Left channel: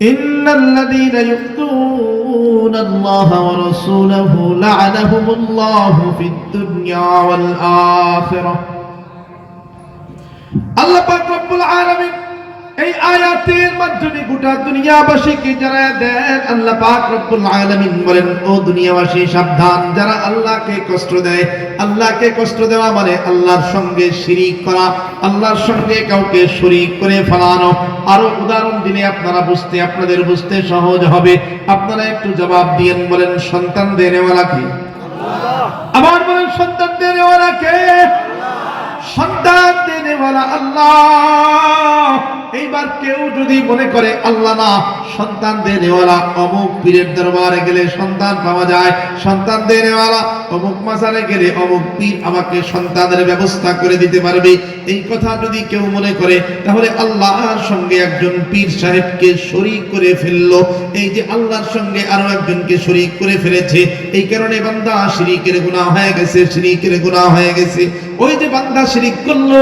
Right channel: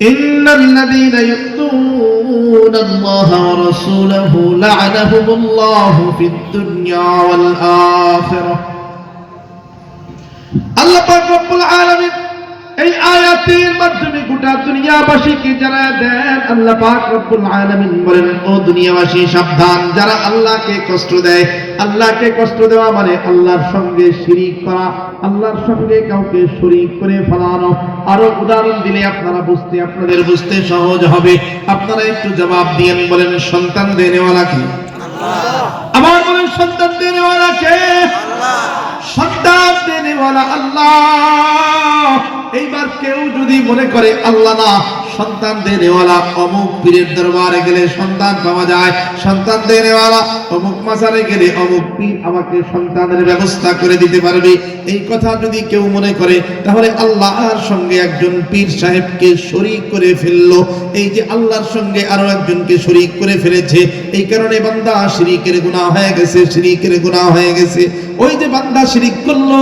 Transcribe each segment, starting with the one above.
ইন্নাল্লাযীনা ইউযুনা আল্লাহা ওয়া রাসূলাহু লা'আনাহুমুল্লাহু ফিদ দুনিয়া ওয়াল আখিরাহ। আল্লাহ পাক রব্বুল আলামিন এই আয়াতের মাধ্যমে গোটা দুনিয়াবাসীকে জানায় দেন, আল্লাহ পাক রব্বুল আলামিন বলেন, ও দুনিয়াবাসী সাবধান, যারা আল্লাহকে কষ্ট দেয়। আল্লাহকে কষ্ট দেওয়া মানে আল্লাহর সঙ্গে শিরিক করা, আল্লাহর সঙ্গে কাউকে শরীক করে ফেলানো। আরো উদাহরণ দিলে আপনাদের বুঝতে সহজ হবে। আপনারা একটু জবাব দিয়েন, বলেন সন্তান দেনেওয়ালা কে? আল্লাহ। আবার বলেন সন্তান দেনেওয়ালা কে? আল্লাহ। সন্তান দেনেওয়ালা আল্লাহ। এইবার কেউ যদি মনে করে আল্লাহ না, সন্তান দেনেওয়ালা অমুক পীরের দরবারে গেলে সন্তান পাওয়া যায়, সন্তান দেনেওয়ালা অমুক মাজারে গেলে অমুক পীর আমাকে সন্তানের ব্যবস্থা করে দিতে পারবে, এই কথা যদি কেউ মনে করে, তাহলে আল্লাহর সঙ্গে একজন পীর সাহেবকে শরীক করে ফেললো। এই যে আল্লাহর সঙ্গে আরো একজনকে শরীক করে ফেলেছে, এই কারণে বান্দা শিরিকের গুনাহ হয়ে গেছে, শিরিকের গুনাহ হয়ে গেছে। ওই যে বান্দা শিরিক করলো,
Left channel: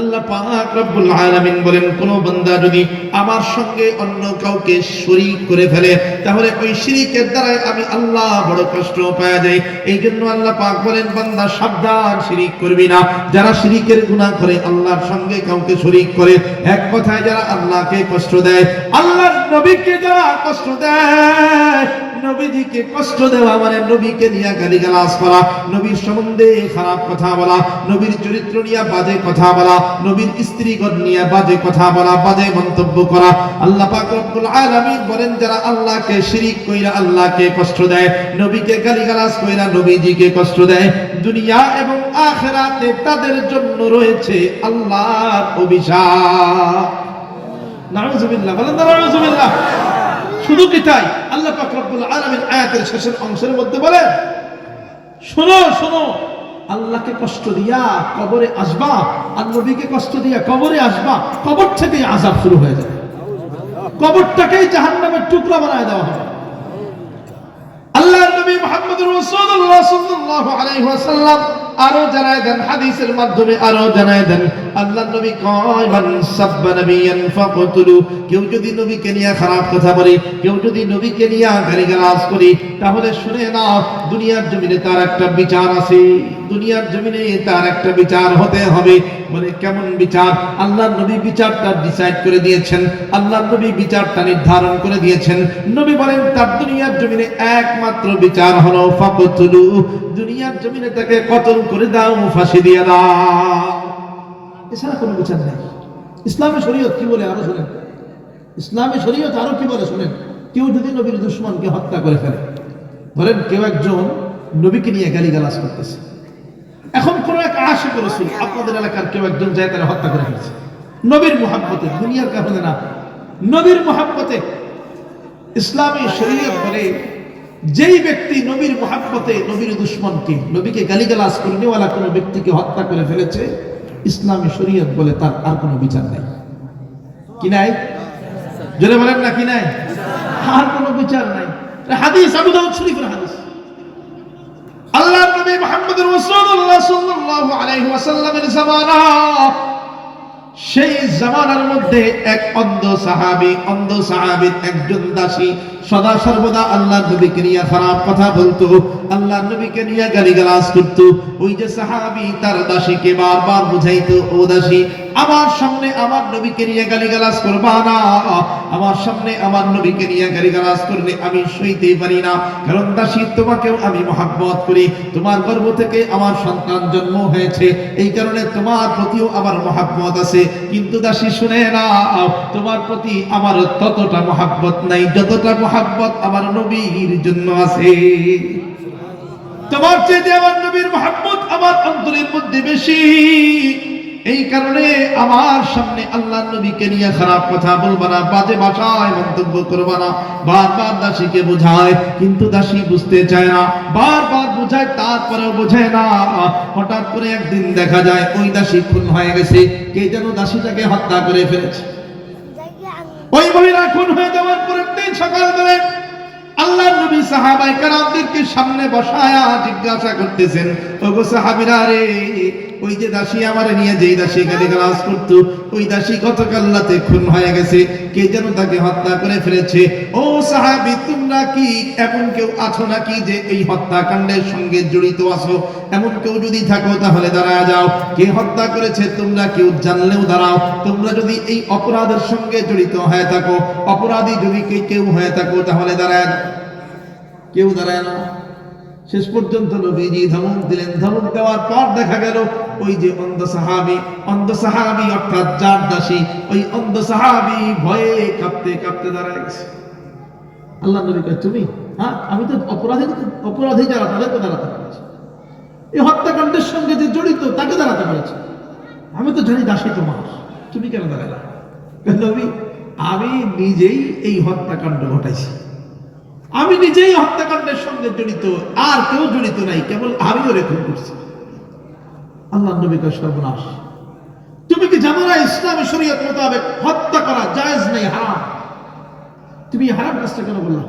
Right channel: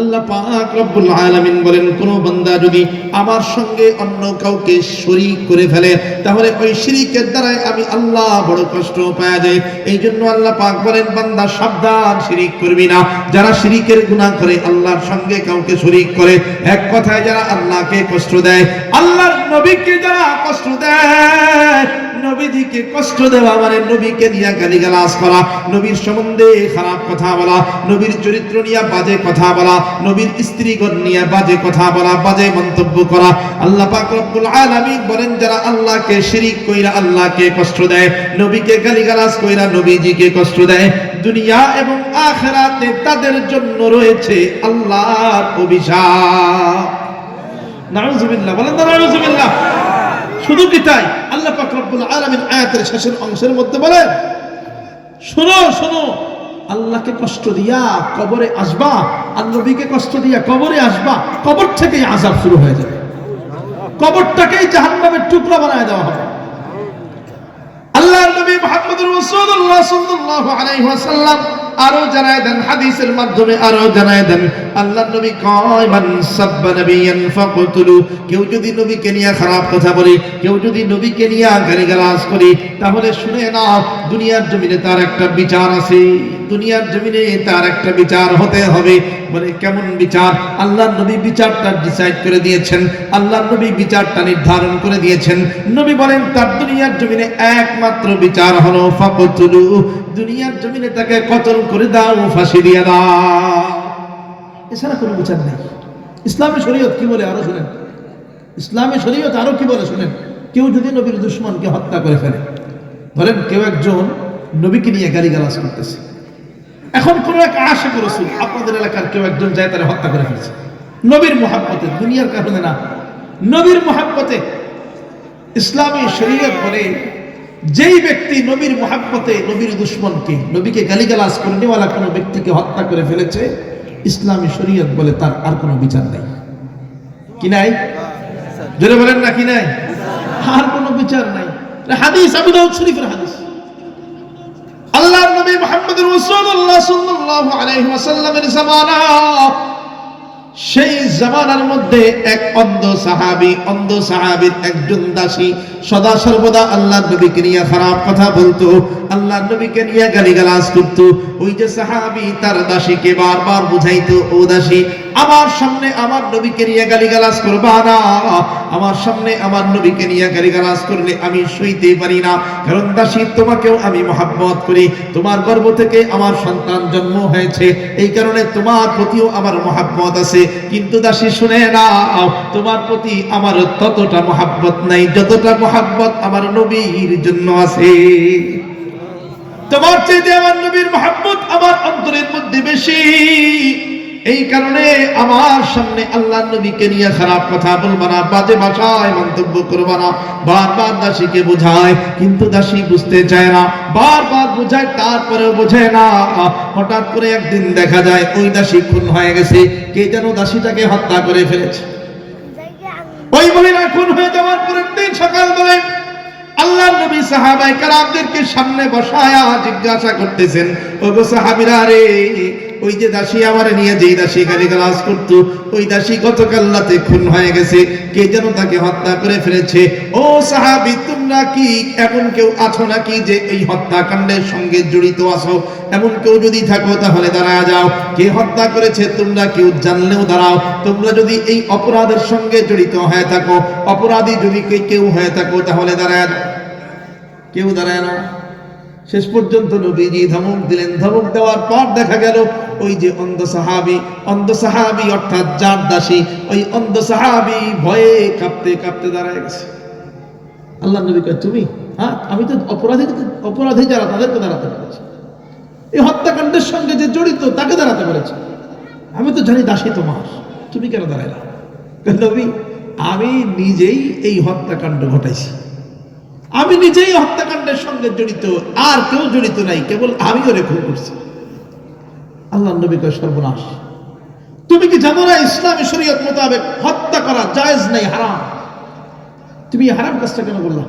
আল্লাহ পাক রব্বুল আলামিন বলেন, কোন বান্দা যদি আমার সঙ্গে অন্য কাউকে শরীক করে ফেলে, তাহলে ওই শিরিকের দ্বারা আমি আল্লাহ বড় কষ্ট পাওয়া যায়। এই জন্য আল্লাহ পাক বলেন, বান্দা সাবধান, শিরিক করবি না। যারা শিরিকের গুনাহ করে, আল্লাহর সঙ্গে কাউকে শরীক করে, এক কথায় যারা আল্লাহকে কষ্ট দেয়, আল্লাহর নবীকে যারা কষ্ট দেয়, নবীজিকে কষ্ট দেওয়া মানে নবীকে নিয়ে গালিগালাজ করা, নবীর সম্বন্ধে খারাপ কথা বলা, নবীর চরিত্র নিয়ে বাজে কথা বলা, নবীর স্ত্রীগণ নিয়ে বাজে কথা বলা, বাজে মন্তব্য করা। আল্লাহ পাক রব্বুল আলামিন বলেন, যারা আল্লাহকে শিরিক কইরা আল্লাহকে কষ্ট দেয়, নবীকে গালিগালাজ কইরা নবীজিকে কষ্ট দেয়, দুনিয়া এবং আখিরাতে তাদের জন্য রয়েছে আল্লাহর অভিশাপ। নাউযুবিল্লাহ, বলেন নাউযুবিল্লাহ। শুধু কি তাই? আল্লাহ পাক রব্বুল আলামিন আয়াতের শেষের অংশের মধ্যে বলেন, শোনো শোনো, আল্লাহকে কষ্ট দিয়া কবরে আসবা, আর নবীকে কষ্ট দিয়া কবরে আসবা, কবর থেকেই আযাব শুরু হয়ে যাবে, কবরটাকেই জাহান্নামের টুকরা বানায় দেওয়া হবে। আল্লাহর নবী মুহাম্মদুর রাসূলুল্লাহ সাল্লাল্লাহু আলাইহি ওয়াসাল্লাম আরো জানায় দেন, হাদিসের মাধ্যমে আরো জানায় দেন, আল্লাহর নবী কয়, মান সাব্বা নাবিয়ান ফাকতুলু, কেউ যদি নবীকে নিয়ে খারাপ কথা বলে, কেউ যদি নবীকে নিয়ে গালিগালাজ করে, তাহলে শুনে নাও, দুনিয়ার জমিনে তার একটা বিচার আছে, দুনিয়ার জমিনে তার একটা বিচার হতে হবে। বলে কেমন বিচার? আল্লাহর নবী বিচারটা ডিসাইড করে দিয়েছেন, আল্লাহর নবী বিচারটা নির্ধারণ করে দিয়েছেন। নবী বলেন, তার দুনিয়ার জমিনে একমাত্র বিচার হলো ফাকতুলু, দুনিয়ার জমিনে তাকে কতল করে দাও, ফাঁসি দিয়ে দাও, এছাড়া কোনো বিচার নেই। ইসলামী শরীয়ত কি বলে আরো শুনেন, ইসলামী শরীয়ত আরো কি বলে শুনেন। কেউ যদি নবীর দুশমনকে হত্যা করে ফেলে, ধরেন কেউ একজন নবীকে নিয়ে গালিগালাজ করতেছে, এখন কোন এক আশিক রাসূল আপনাদের এলাকার কেউ একজন যায় তারা হত্যা করে ফেলছে, নবীর মুহাব্বতে, দুনিয়ার কারণে না, নবীর মুহাব্বতে। ইসলামী শরীয়ত বলে, যেই ব্যক্তি নবীর মুহাব্বতে নবীর দুশমনকে, নবীকে গালিগালাজ করে নেওয়ালা কোনো ব্যক্তিকে হত্যা করে ফেলেছে, ইসলামী শরীয়ত বলে তার আর কোনো বিচার নেই। কি নাই? জোরে বলেন না, কি নাই? আর কোনো বিচার নাই। হাদিস, আবু দাউদ শরীফের হাদিস। আল্লাহর নবী মুহাম্মদুর রাসূলুল্লাহ সাল্লাল্লাহু আলাইহি ওয়াসাল্লামের জামানা, সেই জামানার মধ্যে এক অন্ধ সাহাবীর একজন দাসী সদা সর্বদা আল্লাহর নবীকে নিয়ে খারাপ কথা বলতো, আল্লাহর নবীকে নিয়ে গালিগালাজ করতো। ওই যে সাহাবী তার দাসীকে বারবার বুঝাইতো, ও দাসী, আমার সামনে আমার নবীকে নিয়ে গালিগালাজ করবা না, আমার সামনে আমার নবীকে নিয়ে গালিগালাজ করলে আমি সইতে পারি না, কারণ দাসী তোমাকেও আমি মহব্বত করি, তোমার গর্ভ থেকে আমার সন্তান জন্ম হয়েছে, এই কারণে তোমার প্রতিও আমার মহব্বত আছে। কিন্তু দাসী শুনে না, তোমার প্রতি আমার ততটা মহব্বত নাই যতটা মহব্বত আমার নবীর জন্য আছে। তোমার চেয়ে আমার নবীর মহব্বত আমার অন্তরের মধ্যে বেশি, এই কারণে আমার সামনে আল্লাহর নবীকে নিয়ে খারাপ কথা বলবা না, বাজে ভাষায় মন্তব্য করবা না। বারবার দাসীকে বোঝায়, কিন্তু দাসী বুঝতে চায় না, বারবার বোঝায়, তারপরেও বোঝে না। হঠাৎ করে একদিন দেখা যায় ওই দাসী খুন হয়ে গেছে, কে যেন দাসীটাকে হত্যা করে ফেলেছে। ওই মহিলা খুন হয়ে যাওয়ার পরের দিন সকালবেলায় আল্লাহর নবী সাহাবায়ে কেরামদেরকে সামনে বসায়া জিজ্ঞাসা করতেছেন, ওগো সাহাবীরা রে, ওই যে দাসী আমারে নিয়ে যেই দাসী গালিগালাজ করতো, ওই দাসী গতকাল রাতে খুন হয়ে গেছে, কে যেন তাকে হত্যা করে ফেলেছে। ও সাহাবী, তোমরা কি এমন কেউ আছো নাকি যে এই হত্যাকাণ্ডের সঙ্গে জড়িত আছো? এমন কেউ যদি থাকো তাহলে দাঁড়ায় যাও। কে হত্যা করেছে তোমরা কেউ জানলেও দাঁড়াও। তোমরা যদি এই অপরাধের সঙ্গে জড়িত হয়ে থাকো, অপরাধী যদি কেউ হয়ে থাকো তাহলে দাঁড়ায় যাও। কেউ দাঁড়ায় না। শেষ পর্যন্ত নবীজি ধমক দিলেন। ধমক দেওয়ার পর দেখা গেল ওই যে অন্ধ সাহাবী অর্থাৎ যার দাসী, ওই অন্ধ সাহাবী ভয়ে কাঁপতে কাঁপতে দাঁড়ায় গেছে। আল্লাহ নবী কয়, তুমি? হ্যাঁ, আমি তো অপরাধী যারা তাদেরকে দাঁড়াতে পেরেছি, এই হত্যাকাণ্ডের সঙ্গে যে জড়িত তাকে দাঁড়াতে পেরেছি। আমি তো জানি দাসী তোমার, তুমি কেন দাঁড়াইলা? নবী, আমি নিজেই এই হত্যাকাণ্ড ঘটাইছি, আমি নিজেই হত্যাকাণ্ডের সঙ্গে জড়িত, আর কেউ জড়িত নাই, কেবল আমি ওরে খুন করছি। আল্লাহ নবী কয়, সর্বনাশ, তুমি কি জানো না ইসলামী শরীয়ত মোতাবেক হত্যা করা জায়েজ নাই, হারাম? তুমি হারাম কাজটা কেন বললা?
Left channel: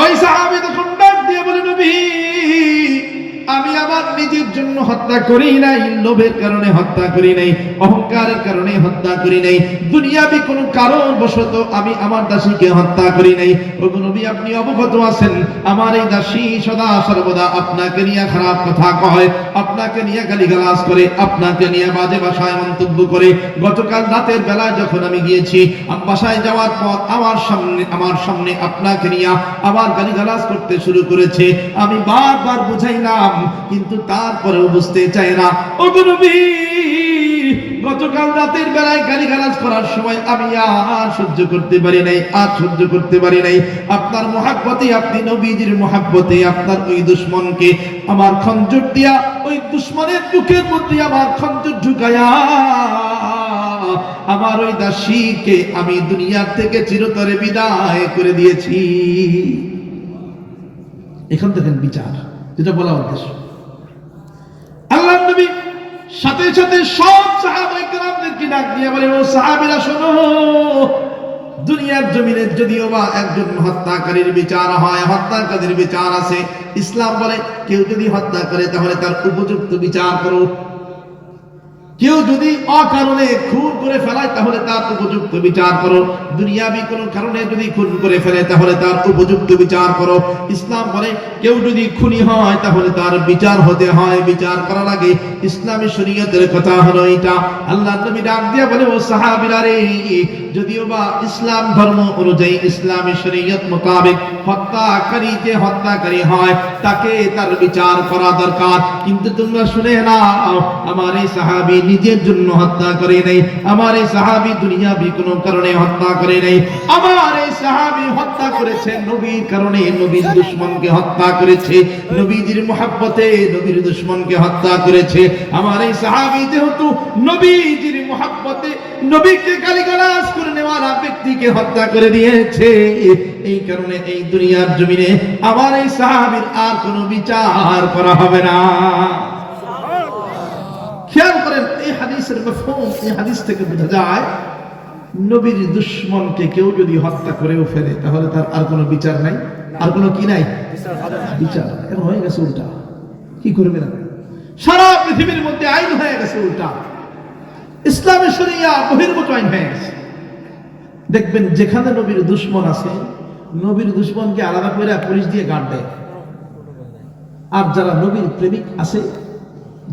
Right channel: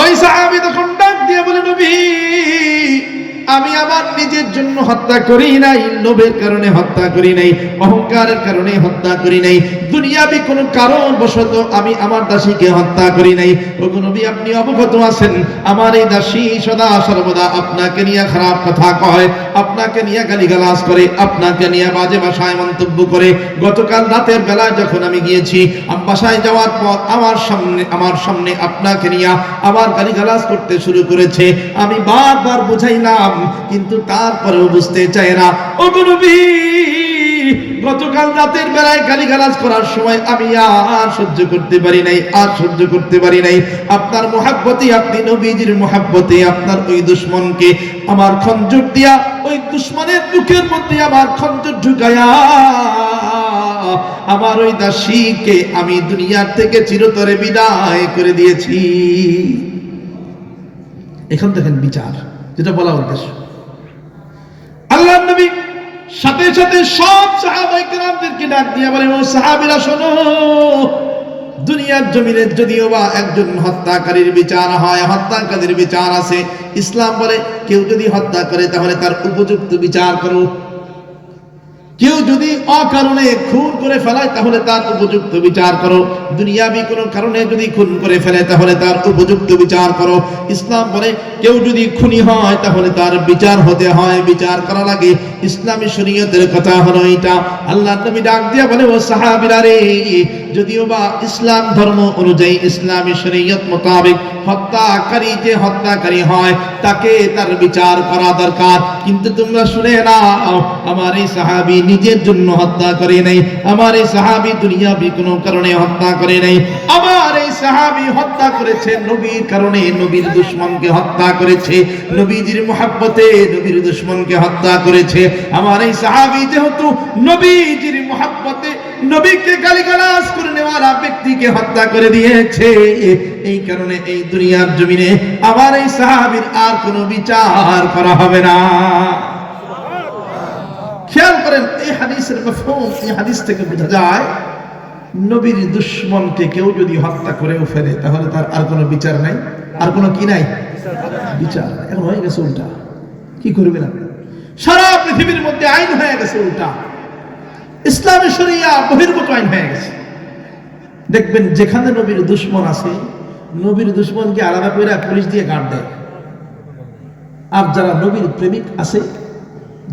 ওই সাহাবী তখন ডাক দিয়ে বলে, নবী, আমি আমার নিজের জন্য হত্যা করি নাই, লোভের কারণে হত্যা করি নাই, অহংকারের কারণে হত্যা করি নাই, দুনিয়াবি কোন কারণ বশত আমি আমার দাসীকে হত্যা করি নাই। ওগো নবী, আপনি অবগত আছেন আমার এই দাসী সদা সর্বদা আপনাকে নিয়ে খারাপ কথা কয়, আপনাকে নিয়ে গালিগালাজ করে, আপনাকে নিয়ে বাজে ভাষায় মন্তব্য করে। গতকাল রাতের বেলায় যখন আমি গিয়েছি, বাসায় যাওয়ার পর আমার সামনে আপনাকে নিয়ে আবার গালিগালাজ করতে শুরু করেছে। আমি বারবার বুঝাইলাম, কিন্তু তারপরেও বুঝতে চায় না। ওগো নবী, গতকাল রাতের বেলায় গালিগালাজ করার সময় আমি আর সহ্য করতে পারি নাই, আপনার মহাব্বতে, আপনি নবীজির মহাব্বতে আপনার ওই দুশমনকে আমার খঞ্জর দিয়া, ওই দুশমনের বুকের মধ্যে আমার খঞ্জর ঢুকায়া আমার ওই দাসীকে আমি দুনিয়ার থেকে চিরতরে বিদায় করে দিয়েছি। এখন দেখেন বিচার, যেটা বলা উদ্দেশ্য। আল্লাহর নবী সাথে সাথে সব সাহাবায়ে কেরামদেরকে ডাক দিয়ে বলেন, ও সাহাবীরা শোনো, দুনিয়ার জমিনে যদিও বা একজন হত্যাকারীর বিচার হয়, হত্যাকারীর বিচার আছে। ইসলাম বলে কেউ যদি হত্যা করে তাহলে তার উপযুক্ত বিচার করো। কেউ যদি অকারণে খুন করে ফেলায় তাহলে তার উপযুক্ত বিচার করো। দুনিয়াবি কোনো কারণে যদি খুন করে ফেলে তাহলে তার উপযুক্ত বিচার করো। ইসলাম বলে কেউ যদি খুনি হয় তাহলে তার বিচার হতে হয়, বিচার করা লাগে। ইসলামী শরীয়তের কথা হলো এটা। আল্লাহর নবী ডাক দিয়ে বলে, ও সাহাবীরা রে, যদিও বা ইসলাম ধর্ম অনুযায়ী, ইসলামী শরীয়ত মোতাবেক হত্যাকারী যে হত্যাকারী হয় তাকে তার বিচার করা দরকার, কিন্তু তোমরা শুনে নাও, আমার এই সাহাবী নিজের জন্য হত্যা করে নাই, আমার এই সাহাবী দুনিয়াবি কোনো কারণে হত্যা করে নাই, আমার এই সাহাবী হত্যা করেছে নবীর কারণে, নবীর দুশমনকে হত্যা করেছে, নবীজির মহব্বতে নবীর দুশমনকে হত্যা করেছে। আমার এই সাহাবী যেহেতু নবীজির মহব্বতে নবীকে গালিগালাজ করে নেওয়ালা ব্যক্তিকে হত্যা করে দিয়েছে, এই কারণে এই দুনিয়ার জমিনে আমার এই সাহাবীর আর কোনো বিচার করা হবে না। খেয়াল করেন, এই হাদিসের মাফহুম, এই হাদিস থেকে বোঝা যায় নবীর দুশমনকে কেউ যদি হত্যা করেও ফেলে তাহলে তার আর কোনো বিচার নাই, আর কোনো কি নাই, বিচার। এখন হয়ে গেছে উল্টা। কি করবেন আপনি? সারা পৃথিবীর মধ্যে আইন হয়ে গেছে উল্টা, ইসলামী শরিয়া বহির্ভূত আইন হয়ে গেছে। দেখবেন যেখানে নবীর দুশমন আছে, নবীর দুশমনকে আলাদা করে পুলিশ দিয়ে গার্ড দেয়। আর যারা নবীর প্রেমিক আছে,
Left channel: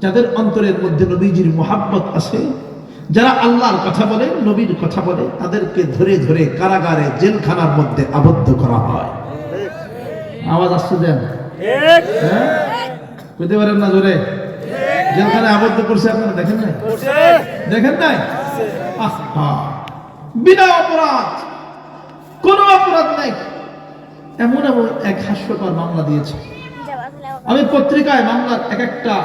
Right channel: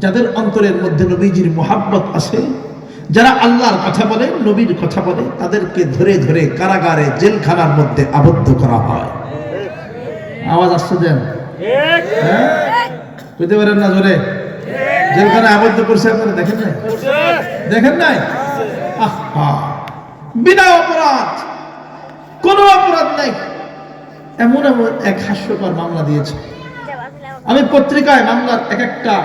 যাদের অন্তরের মধ্যে নবীজির মুহাব্বত আছে, যারা আল্লাহর কথা বলে, নবীর কথা বলে, তাদেরকে ধরে ধরে কারাগারে, জেলখানার মধ্যে আবদ্ধ করা হয়। আওয়াজ আসছে দেন, বুঝতে পারেন না? ধরে জেলখানায় আবদ্ধ করছে, আপনারা দেখেন নাই? দেখেন নাই? বিনা অপরাধ, কোন অপরাধ নাই, এমন এমন এক হাস্যকর মামলা দিয়েছে। আমি পত্রিকায় মামলার এক একটা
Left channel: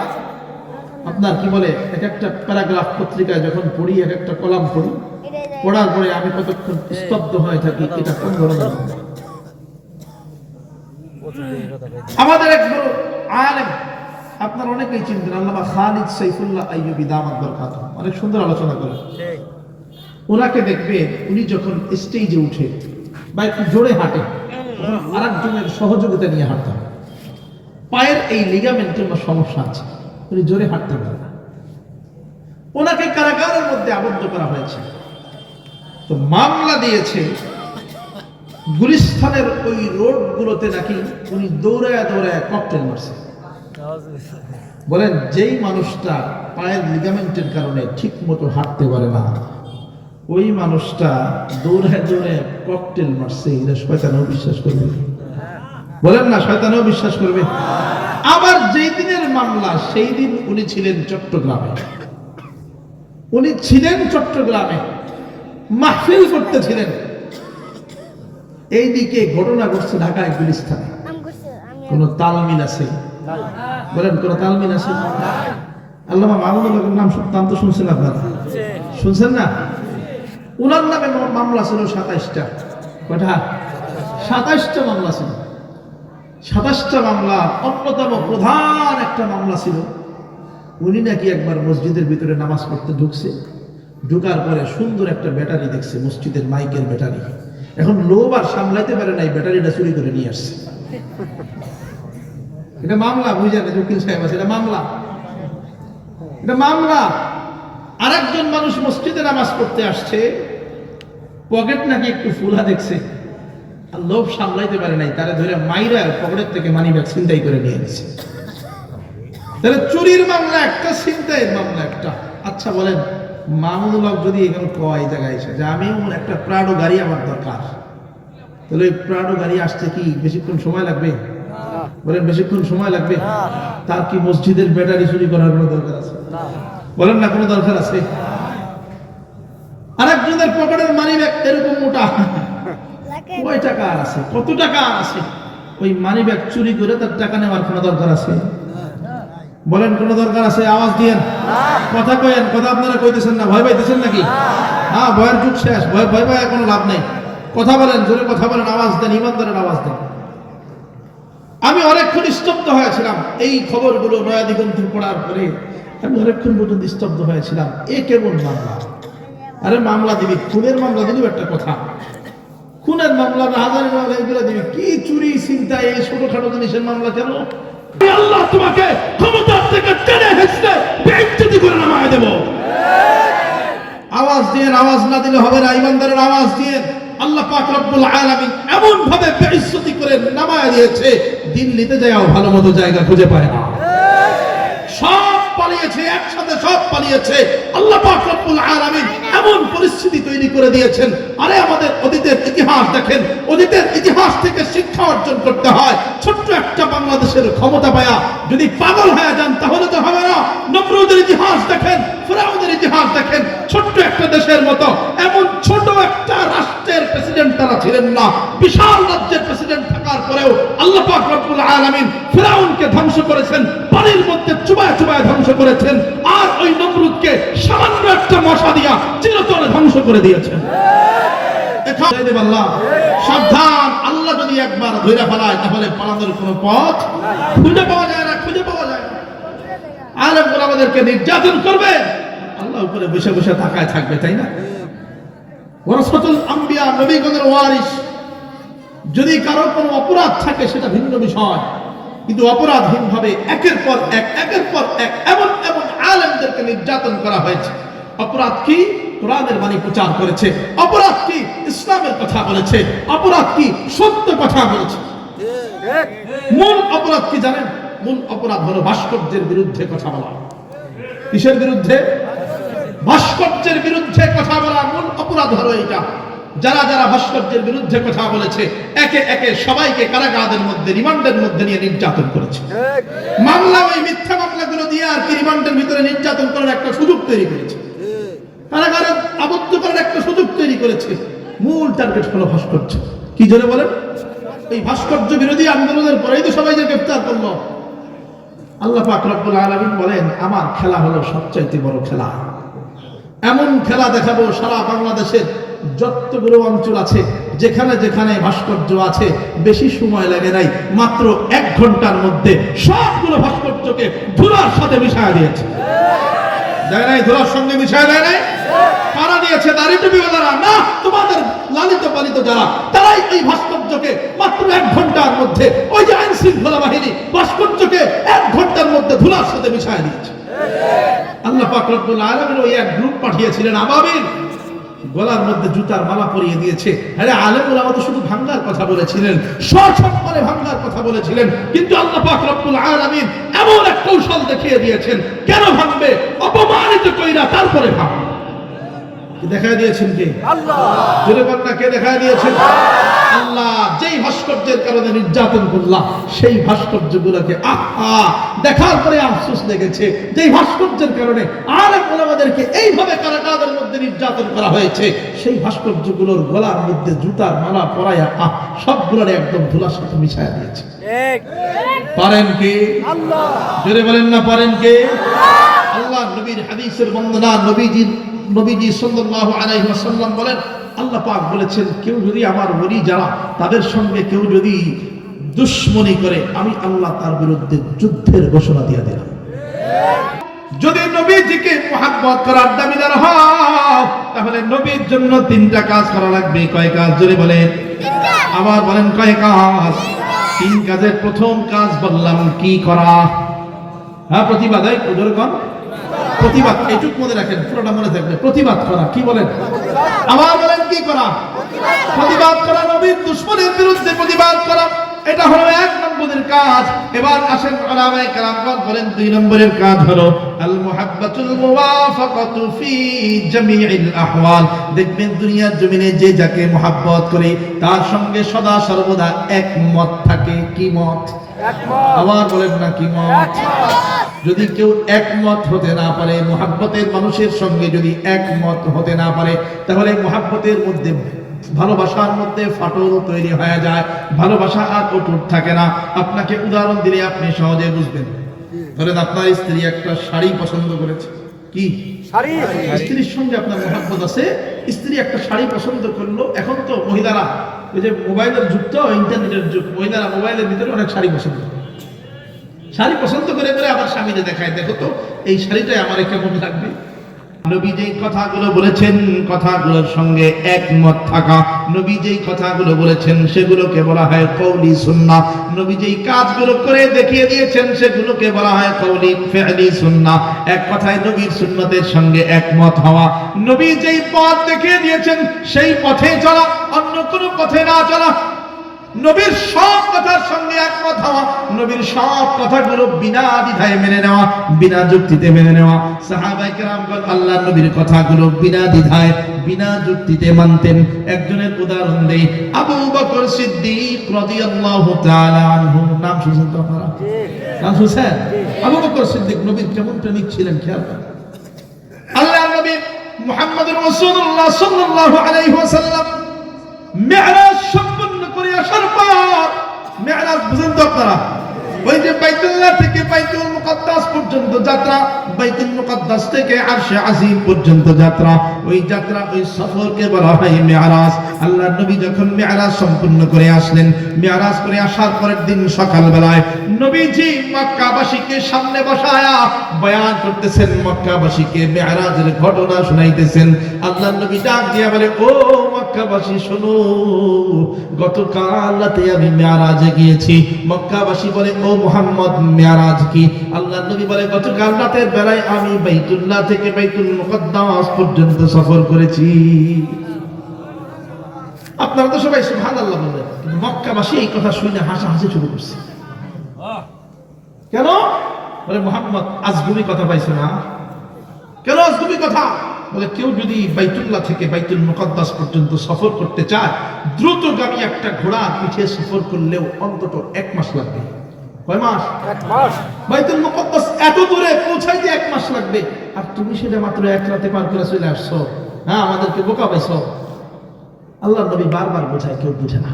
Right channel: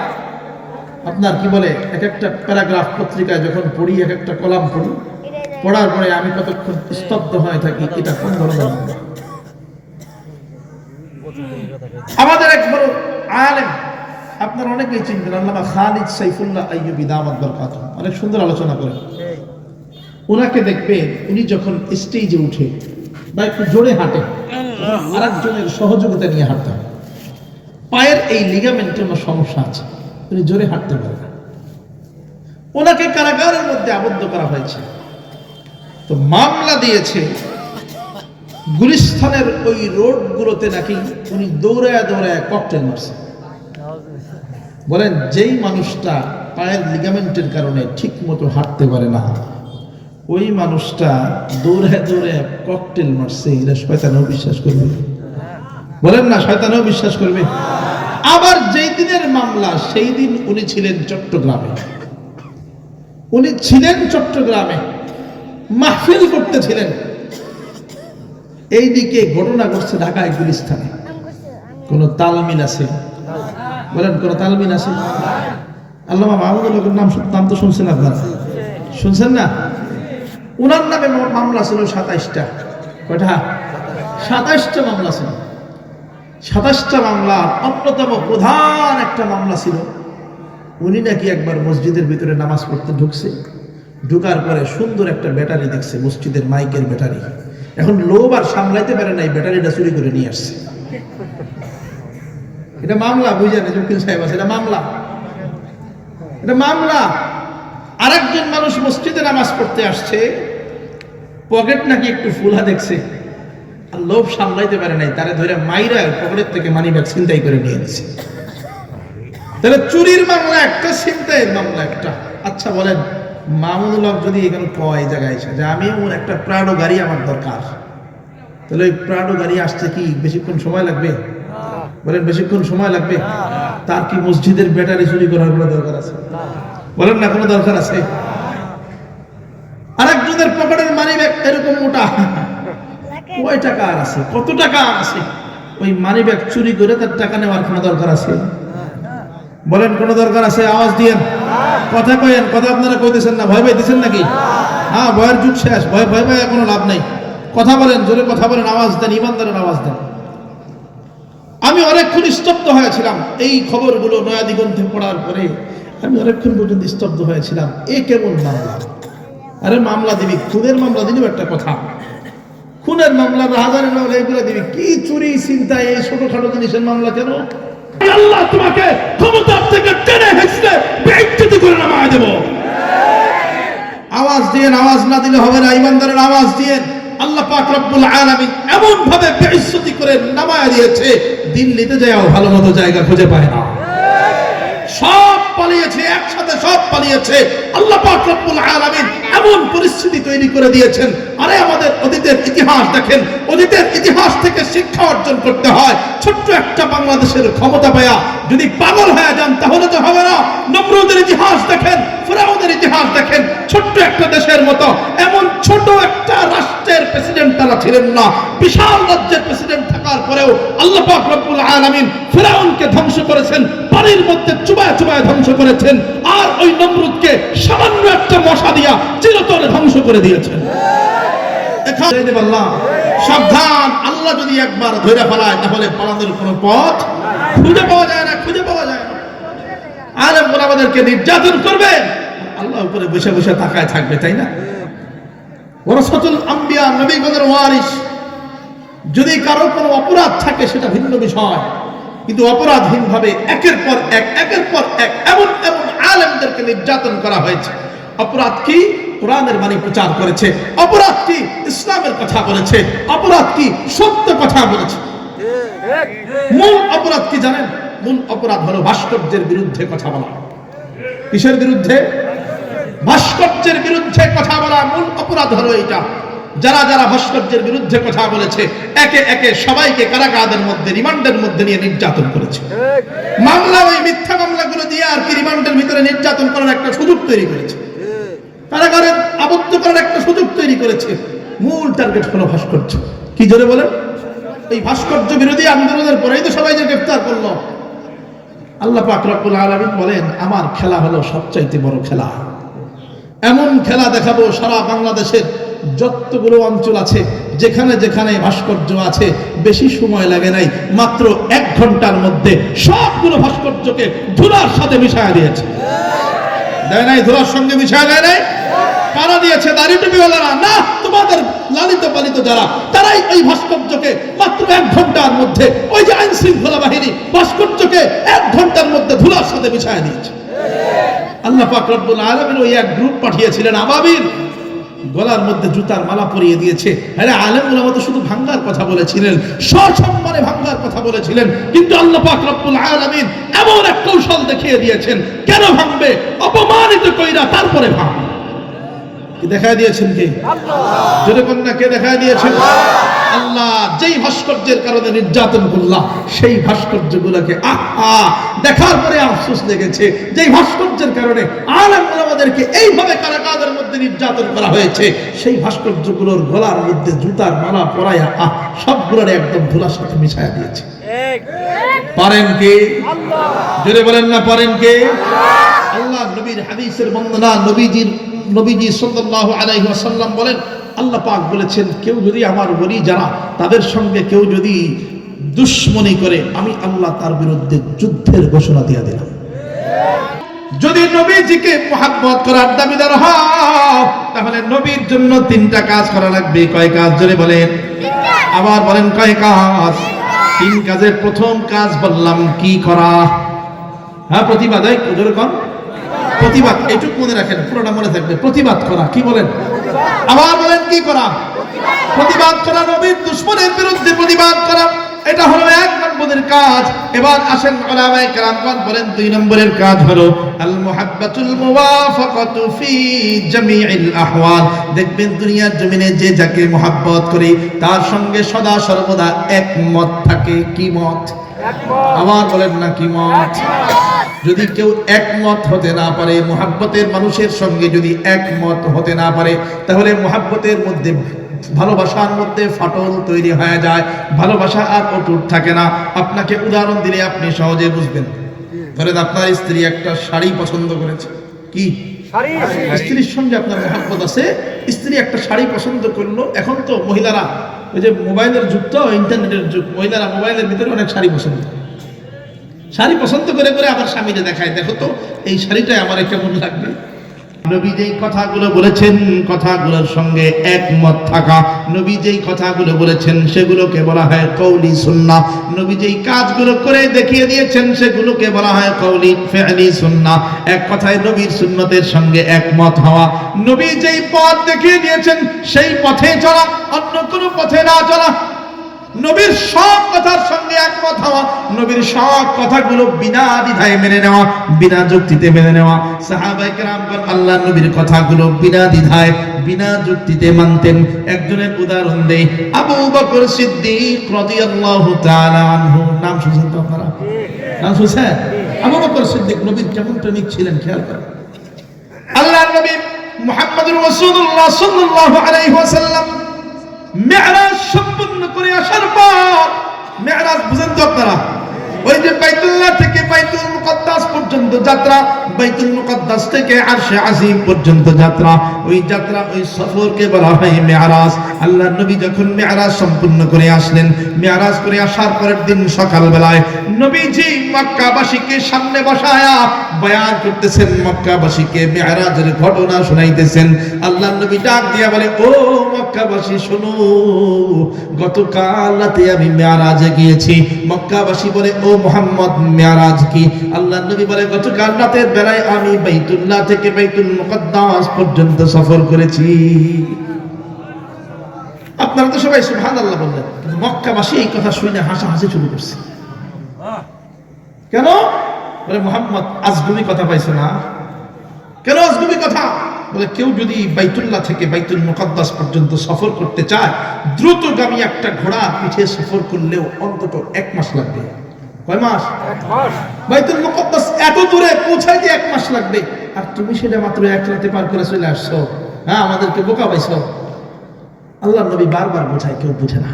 আপনার কি বলে, এক একটা প্যারাগ্রাফ পত্রিকায় যখন পড়ি, এক একটা কলাম পড়ি, পড়ার পরে আমি কতক্ষণ স্তব্ধ হয়ে থাকি, এটা কোন ধরনের মামলা। আমাদের এক বড় আলেম, আপনারা অনেকেই চিনবেন, আল্লামা খালিদ সাইফুল্লাহ আইয়ুবী দামাত বরকাতুহু, অনেক সুন্দর আলোচনা করেন। ওনাকে দেখবেন, উনি যখন স্টেজে উঠে বা একটু জোরে হাঁটে, তখন আরেকজনের সহযোগিতা নিয়ে হাঁটতেন। পায়ের এই লিগামেন্টের সমস্যা আছে, উনি জোরে হাঁটতে পারে না, ওনাকে কারাগারের মধ্যে আবদ্ধ করা হয়েছে। তো মামলা দিয়েছে গুলিস্তানের ওই রোডগুলোতে নাকি উনি দৌড়ায় দৌড়ায় ককটেল মারছে। বলেন যেই মানুষটা পায়ের লিগামেন্টের কারণে ঠিক মতো হাঁটতে পারে না, ওই মানুষটা দৌড়ায় দৌড়ায় ককটেল মারছে, এটা শয়তানও বিশ্বাস করবে? বলেন না, শয়তানও বিশ্বাস করবে? আবার যেই দিনের মামলা সেই দিন উনি ছিলেন চট্টগ্রামে, উনি ছিলেন চট্টগ্রামে মাহফিল করতেছিলেন, এইদিকে ঘটনা ঘটছে ঢাকায় গুলিস্তানে। কোন তালমিল আছে? বলেন কোন তালমিল আছে? আল্লামা মাহমুদুল হকের নাম তো শুনছেন আপনারা, শুনছেন না? উনার নামে মামলা ছিল 27টা। কয়টা? 27টা মামলা ছিল। 27টা মামলা অন্যতম প্রধান একটা মামলা ছিল, উনি নাকি একবার মসজিদের ভিতরে নামাজ পড়তে ঢুকছে, ঢুকার পরে সুন্দর একটা ব্যাটারি দেখছে, মসজিদের মাইকের ব্যাটারি। এখন লোভ আর সামলাইতে পারে নাই, ব্যাটারিটা চুরি করে নিয়ে আসছে। এটা মামলা, বুঝেন? উকিল সাহেব আছে, এটা মামলা, এটা মামলা। আরেকজন মানুষ মসজিদে নামাজ পড়তে আসছে, পকেট নাকি একটু ফুলা দেখছে, আর লোভ সামলাইতে পারে নাই, তারে ধরে মাইরা পকেটের থেকে মানি ব্যাগ ছিনতাই করে নিয়ে নিছে। তাহলে চুরির মামলা একটা, ছিনতাইয়ের মামলা একটা। আচ্ছা বলেন, মামুনুল হক যদি এখানে কয় জায়গায় এসে যে আমি একটা প্রাডো গাড়ি আমার দরকার, তাহলে ওই প্রাডো গাড়ি আসছে কি বেশিক্ষণ সময় লাগবে? বলেন বেশিক্ষণ সময় লাগবে? তার কি মসজিদের ব্যাটারি চুরি করার কোনো দরকার আছে? বলেন না, কোনো দরকার আছে? আরেকজনের পকেটের মানি ব্যাগ এরকম মোটা, কয় টাকা আর আছে, কত টাকা আছে, ওই মানি ব্যাগ চুরি করে তার টাকা নেওয়ার কোনো দরকার আছে? বলেন কোনো দরকার আছে? আওয়াজ দিয়েন, কথা কয়েন, কথা আপনারা কইতেছেন না, ভয় পাইতেছেন নাকি? হ্যাঁ, ভয়ের যুগ শেষ, ভয় ভয় ভয় কোনো লাভ নাই। কথা বলেন, জোরে কথা বলেন, আওয়াজ দেন, ইমানদারের আওয়াজ দেন। আমি অনেকক্ষণ স্তব্ধ হয়েছিলাম এই খবরগুলো নয়া দিগন্তে পড়ার পরে, আমি অনেকক্ষণ পর্যন্ত স্তব্ধ হয়েছিলাম। এ কেমন মামলা? আরে মামলা দিবি, খুনের মামলা দিলেও একটা কথা, খুনের মামলা, রাহাজানের মামলা, এগুলো দিবি কি? চুরি চিন্তা, এই ছোটখাটো জিনিসের মামলা কেন? আল্লাহ তোমাকে ক্ষমতার থেকে টেনে হেঁচড়ে বেইজ্জতি করে নামায় দেব। আওয়াজ দিয়েন, আওয়াজ না দিলে হবে না, ইমানদারের আওয়াজ দিয়েন। আল্লাহ পাক রব্বুল আলামিন এমন ভাবে বেইজ্জতি করে নামায় দিয়েছে, দিল্লিতে যাও ভালো মতো জায়গা খুঁজে পায় না, সব পালিয়েছে, একসাথে সব পালিয়েছে। আল্লাহ পাক রব্বুল আলামিন এমন পরিস্থিতি তৈরি করে দিয়েছেন। আরে আমাদের অতীতের ইতিহাস দেখেন, অতীতের ইতিহাস থেকে শিক্ষা অর্জন করতে হয়। ছোট্ট একটা বাংলাদেশের ক্ষমতা পায়া যদি পাগল হয়ে যান তাহলে তো হবে না। নমরুদের ইতিহাস দেখেন, ফিরাউনের ইতিহাস দেখেন, ছোট্ট একটা দেশের মতো এমন ছোট একটা রাষ্ট্রের প্রেসিডেন্ট তারা ছিলেন না। বিশাল রাজ্যের প্রেসিডেন্ট থাকার পরেও আল্লাহ পাক রব্বুল আলামিন ফিরাউনকে ধ্বংস করেছেন, পানির মধ্যে চুবায় চুবায় ধ্বংস করেছেন, আর ওই নমরুদকে সামান্য একটা মশা দিয়া চিরতরে ধ্বংস করে দিয়েছেন। সাবধান, আল্লাহ যদি একবার ধরে ফেলায় তাহলে পালানোর কোনো পথ খুঁজে পাওয়া যায় না, খুঁজে পাওয়া যায় না। আলেমরা আমাদেরকে নির্যাতন করবে, আল্লাহ উপরে বসে বসে তাকায় থাকবে, তাই না? ওয়ারাসাতুল আম্বিয়া, নবীগণের ওয়ারিস। যদি কারো কোনো অপরাধ থাকে সেটা ভিন্ন বিষয়, কিন্তু অপরাধহীন ভাবে একের পর এক এমন এমন আলেমদেরকে নির্যাতন করা হয়েছে। অপরাধ কি? কোরআনের বাণী প্রচার করেছে। অপরাধ কি? ইসলামের কথা বলেছে। অপরাধ কি? সত্য কথা বলেছে। মূল অপরাধ কি জানেন? মূল অপরাধ হলো ভাস্কর্যের বিরুদ্ধে কথা বলা। কিসের বিরুদ্ধে? ভাস্কর্যের বিরুদ্ধে কথা বলা মূল অপরাধ হলো এটা। যারা যারা ভাস্কর্যের বিরুদ্ধে কথা বলেছে একে একে সবাইকে কারাগারের মধ্যে, রিমান্ডের মধ্যে নিয়ে নির্যাতন করেছে। মামলা, ওই মিথ্যা মামলাগুলো দিয়ে আর কি রিমান্ডের ভিতরে নির্যাতন করার একটা সুযোগ তৈরি করেছে, কারাগারে আবদ্ধ করার একটা সুযোগ তৈরি করেছে। মূল টার্গেট হলো ভাস্কর্য। কি জোরে বলেন? এই ভাস্কর্য বিরোধী আন্দোলনের পরেই তো সবাই যে গ্রেফতার করলো। আল্লাহ পাক রব্বুল আলামিন বলেন, আমার খেলা হলো সবচাইতে বড় খেলা। এমন খেলা দেখাবো সারা বাংলাদেশের যতগুলো অঞ্চল আছে, যেখানে যেখানে ভাস্কর্য আছে, বেশি সময় লাগে নাই, মাত্র 1 ঘন্টার মধ্যে সবগুলো ভাস্কর্যকে ধুলার সাথে মিশায়া দিয়েছে। দেয় নাই? ধুলার সঙ্গে মিশায়া দেয় নাই? কারা দিয়েছে? দাড়ি টুপিওয়ালারা না, তোমাদের লালিত পালিত যারা, তারাই এই ভাস্কর্যকে মাত্র 1 ঘন্টার মধ্যে ওই যে আইন শৃঙ্খলা বাহিনী ভাস্কর্যকে 1 ঘন্টার মধ্যে ধুলার সাথে মিশায় দিয়েছে। আল্লাহ পাক রব্বুল আলামিন ওই এক গ্রুপ পাঠিয়েছিলেন আবাবিল, গলার মধ্যে জুতার মালা পরিয়ে দিয়েছে। আরে আলেম ওলামা তো শুধু ভাঙ্গার কথা বলেছিলেন, সসম্মানে ভাঙ্গার কথা বলেছিলেন, কিন্তু আল্লাহ পাক রব্বুল আলামিন এমন এক কৌশল দেখিয়ে দিয়েছেন, কেন ভাঙবে? অপমানিত কইরা তারপরে ভাঙ। কি দেখায় দিয়েছেন? কে? আল্লাহ। জোরে বলেন না, কে দেখায় দিয়েছেন? আল্লাহ। যেই ভাস্কর্যের কারণে নির্যাতন করলাম, সেই ভাস্কর্যগুলোকে আহা দেখার পরে আফসোস লেগেছে, যেই ভাস্কর্যের কারণে আলেমরা আমাদেরকে এইভাবে কারাগারের মধ্যে নির্যাতন করা হয়েছে, সেই ভাস্কর্যগুলোর গলার মধ্যে জুতার মালা পরায়া সবগুলোর একদম ধুলার সাথে মিশায়া দিয়েছে। পারেন কে? আল্লাহ। জোরে বলেন না, পারেন কে? আল্লাহ। নবীর হাদিসের বর্ণনা, নবীজি সাল্লাল্লাহু আলাইহি ওয়াসাল্লাম বলেন, আল্লাহ পাক বলেছেন, কেউ যদি আমার ওলি যারা তাদের সঙ্গে কেউ যদি দুশমনি করে, আমি আল্লাহ তার বিরুদ্ধে যুদ্ধের ঘোষণা দিয়ে দিলাম। যদি নবীজিকে মুহাব্বত করার দাবিদার হও, তাহলে নবীর জন্য 3টা কাজ করা লাগবে। কয় কাজ? জোরে বলেন। আবার বলেন, কয় কাজ? 3 কাজের প্রথম কাজ বললাম কি করা? হ্যাঁ, প্রতিবাদ। জোরে কন, প্রতিবাদ। এইটুকু মনে রাখেন, পুরোটা মনে থাকবে। প্রতিবাদ করা। কি বলেন? আবার বলেন, কি করা? প্রতিবাদ করা। নবীর দুশমনের বিরুদ্ধে প্রতিবাদ করা, এটা হলো 1 নম্বরের কাজ। এবার আসেন উলামায়ে কেরাম বলেন 2 নম্বরের কাজ হলো আল মুহাব্বাতুল মুওয়াফাকাতু ফি জামিইল আহওয়াল। দেখবেন দুনিয়ার জমিনে যে যাকে মুহাব্বত করে তার সঙ্গে সদা সর্বদা একমত থাকে। কি মত? একমত। আবার বলেন না, কি মত? যদি কেউ একমত হতে না পারে, মুহাব্বতের মানুষের সঙ্গে যদি একমত হতে না পারে, তাহলে মুহাব্বতের মধ্যে, ভালোবাসার মধ্যে ফাটল তৈরি হয়ে যায়, ভালোবাসা আর অটুট থাকে না। আপনাকে উদাহরণ দিলে আপনি সহজে বুঝবেন। ধরেন আপনার স্ত্রী একটা শাড়ি পছন্দ করেছে। কি শাড়ি? স্ত্রীর সঙ্গে আপনার মুহাব্বত আছে, স্ত্রী একটা শাড়ি পছন্দ করলো। এখন তো মহিলারা, ওই যে মোবাইলের যুগ, তো ইন্টারনেটের যুগ, মহিলারা মোবাইলের ভিতরে অনেক শাড়ি পছন্দ করে। শাড়ি পছন্দ করে করে আমার স্বামীকে দেখায়, দেখো তো এই শাড়িটাই আমার কেমন লাগবে। নবী যেই কথাগুলো বলেছেন, কথাগুলোর সঙ্গে একমত থাকা। নবী যেই কথাগুলো বলেছেন সেগুলোকে বলা হয় কওলি সুন্নাহ। নবী যেই কাজগুলো করে দেখিয়ে দিয়েছেন সেগুলোকে বলা হয় কওলি ফি'লি সুন্নাহ। এক কথায় নবীর সুন্নতের সঙ্গে একমত হওয়া। নবী যেই পথ দেখিয়ে দিয়েছেন সেই পথে চলা, অন্য কোনো পথে না চলা। নবীর সব কথার সঙ্গে একমত হওয়া, নবীর সব কথাগুলো বিনা দ্বিধায় মেনে নেওয়া, বিনা যুক্তিতে মেনে নেওয়া। সাহাবায়ে কেরামগণ আল্লাহর নবীর কথাগুলো বিনা দ্বিধায়, বিনা যুক্তিতে মানতেন। একজনের উদাহরণ দেই, আবু বকর সিদ্দিক রাদিয়াল্লাহু তাআলা আনহু। নাম শুনছেন তো আপনারা? নাম শুনছেন? আবু বকর সিদ্দিক নবীর কেমন প্রেমিক ছিলেন খেয়াল করেন। আল্লাহর নবী মুহাম্মদুর রাসূলুল্লাহ সাল্লাল্লাহু আলাইহি ওয়াসাল্লাম মেরাজ সম্পন্ন করে আসার পর, মেরাজ বুঝেন তো আপনারা? ওই যে বাইতুল্লাহ থেকে বাইতুল মুকাদ্দাস পর্যন্ত যাত্রা, বাইতুল মুকাদ্দাস থেকে আরশে আজিম পর্যন্ত যাত্রা, ওই যাত্রা, ওই সফরকে বলা হয় মেরাজ। আল্লাহর নবী যখন মেরাজ সম্পূর্ণ করে আসলেন, মেরাজ করে আসার পরের দিন সকালবেলায় নবীজি মক্কাবাসীকে সামনে বসায়া বয়ান করতেছেন, মক্কাবাসীকে মেরাজের ঘটনা শুনাইতেছেন। আল্লাহর নবী ডাক দিয়া বলে, ও মক্কাবাসী শোনো, গতকাল রাতে আমি মেরাজে গিয়েছি। মক্কাবাসী বলে, ও মুহাম্মদ মেরাজ কি? আল্লাহর নবী বলে, গতকাল রাতের বেলায় আমি বাইতুল্লাহ থেকে বাইতুল মুকাদ্দাস পর্যন্ত সফর করেছি। আপনারা তো সবাই সুবহানাল্লাহ বললেন, কিন্তু মক্কাবাসী এই কথা শুনে হাসাহাসি শুরু করছে। কেন? বলে, মুহাম্মদ আজগুবি কথা পাইছে না। কেন আজগুবি কথা? বলে, কেউ যদি বাইতুল্লাহ থেকে বাইতুল মুকাদ্দাস পর্যন্ত সফর করতে চায়, দ্রুতগামী একটা ঘোড়া পিঠে সফর করলেও অন্তত 1 মাস লাগবে। কয় মাস? 1 মাস। বাইতুল মুকাদ্দাস এত দূরে পৌঁছাইতে 1 মাস লাগবে, আর তুমি সেটা মাত্র 1 রাতে পার করে চলে আসছো। হ্যাঁ, আমাদেরকে বোকা পাইছো। আল্লাহর নবী বারবার বোঝায়, কেউ বুঝে না।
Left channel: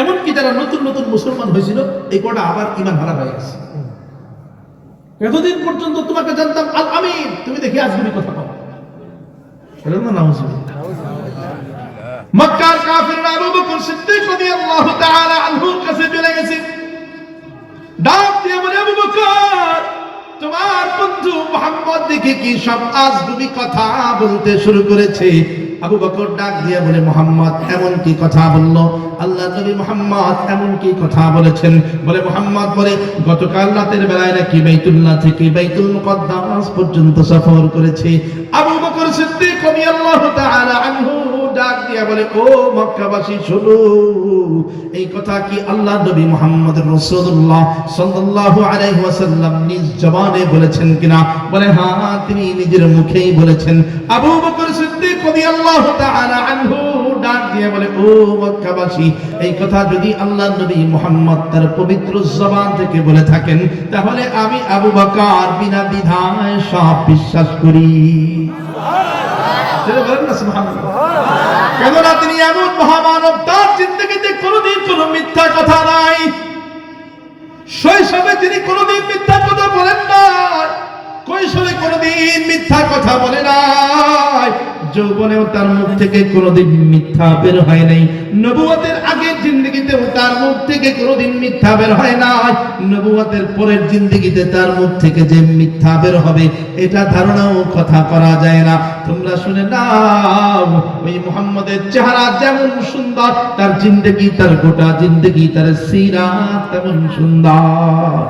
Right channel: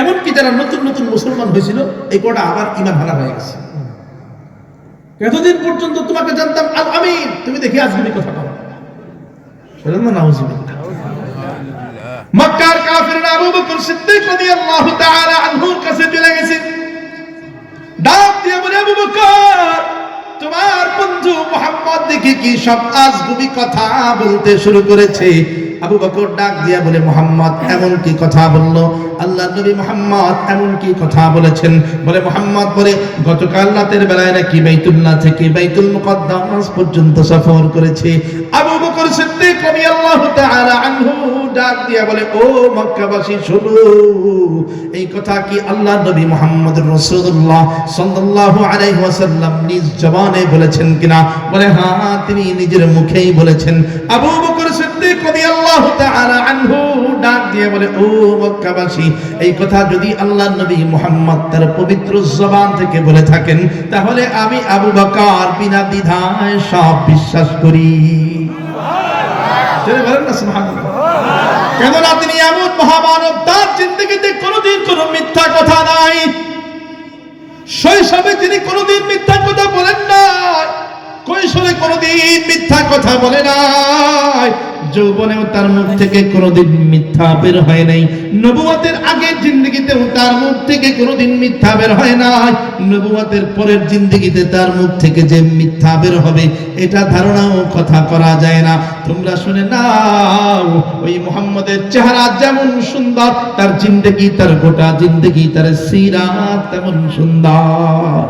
এমনকি যারা নতুন নতুন মুসলমান হয়েছিল, এই কটা আবার ঈমান হারা হয়ে গেছে। এতদিন পর্যন্ত তোমাকে জানতাম আল আমিন, তুমি দেখি আজগুবি কথা পাও। বলেন না নাউজুবিল্লাহ। মক্কার কাফিররা আবু বকর সিদ্দিক রাদিয়াল্লাহু তাআলা আনহুর কাছে চলে গেছে, ডাক দিয়ে বলে, আবু বকর, তোমার বন্ধু মুহাম্মদ দেখি কি সব আজগুবি কথা বলতে শুরু করেছে। আবু বকর ডাক দিয়া বলে, মুহাম্মদ এমন কি কথা বললো? আল্লাহ নবী মুহাম্মদ এমন কি কথা বলেছেন? বলে মুহাম্মদ বলে, গতকাল রাতের বেলায় নাকি বাইতুল্লাহ থেকে বাইতুল মুকদ্দাস পর্যন্ত সফর করেছে। আবু বকর সিদ্দিক রাদিয়াল্লাহু তাআলা আনহু ডাক দিয়া বলে, ও মক্কাবাসী শোনো, এই কথা কি আল্লাহ নবী মুহাম্মদ রাসূলুল্লাহ সাল্লাল্লাহু আলাইহি ওয়াসাল্লাম নিজ জবানে বলেছেন কিনা? বলে হ্যাঁ, তিনি নিজের মুখেই বলেছেন। আবু বকর সিদ্দিক রাদিয়াল্লাহু তাআলা আনহু ডাক দিয়ে বলে, ও মক্কাবাসী, এই কথা যদি আল্লাহ নবী মুহাম্মদ তার পবিত্র জবান থেকে বলে থাকেন, তাহলে আমি আবু বকর বিনা দ্বিধায় সব বিশ্বাস করি। বলেন না সুবহানাল্লাহ। কেননা তিনি এমন মহামানব, তার জিন্দেগিতে কোনোদিন কোনো মিথ্যা কথা নাই। শৈশবে তিনি কোনোদিন মিথ্যা কথা বলেন নাই, কৈশোরে কোনোদিন মিথ্যা কথা বলে নাই, যৌবনেও তার মুখ থেকে কোনোদিন মিথ্যা বের হয় নাই, নবুয়তের আগের জিন্দেগিতেও তার মুখ থেকে কোনোদিন মিথ্যা বের হয় নাই, নবুয়তের পরের জিন্দেগিতে তার মুখ থেকে যে মিথ্যা বের হবে এটা ধারণাও কথা করা যায় না। তোমরা শুনে নাও, ওই মুহাম্মদের চেহারা যেমন সুন্দর, তার জিন্দেগি, তার গোটা জিন্দেগি, তার সিরাত তেমন সুন্দর।